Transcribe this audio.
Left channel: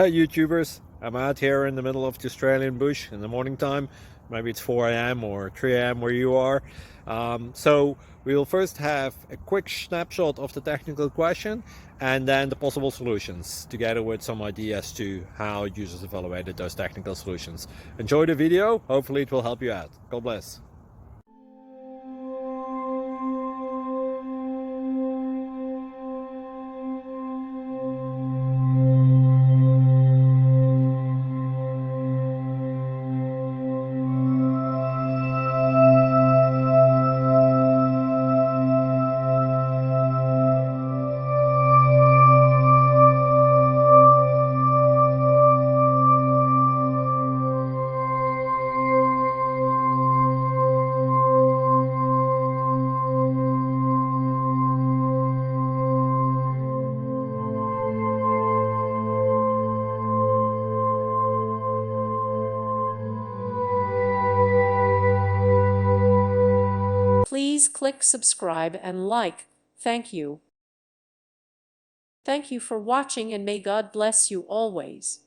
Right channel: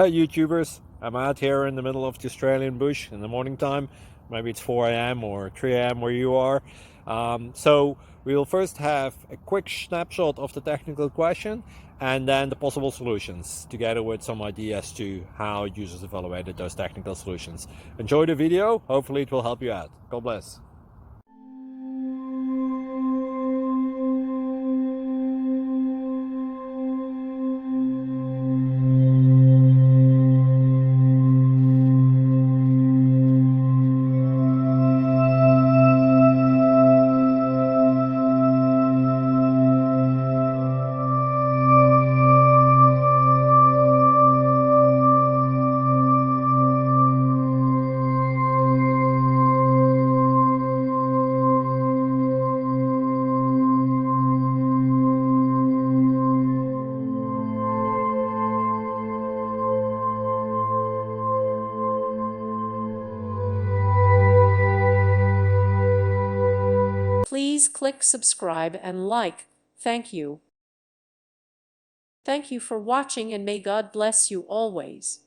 Hey YouTubers, I'm out here in the middle of the Australian bush in the morning time. Maybe it's 4 a.m. or 3 a.m. where you are. So we will first have a quick snapshot of the technical question and then the possible solutions, together with some ideas to how users evaluated those technical solutions. Enjoy the video, hopefully it will help you out. God bless. Please click subscribe and like. Thank you. Thank you for watching and may God bless you always.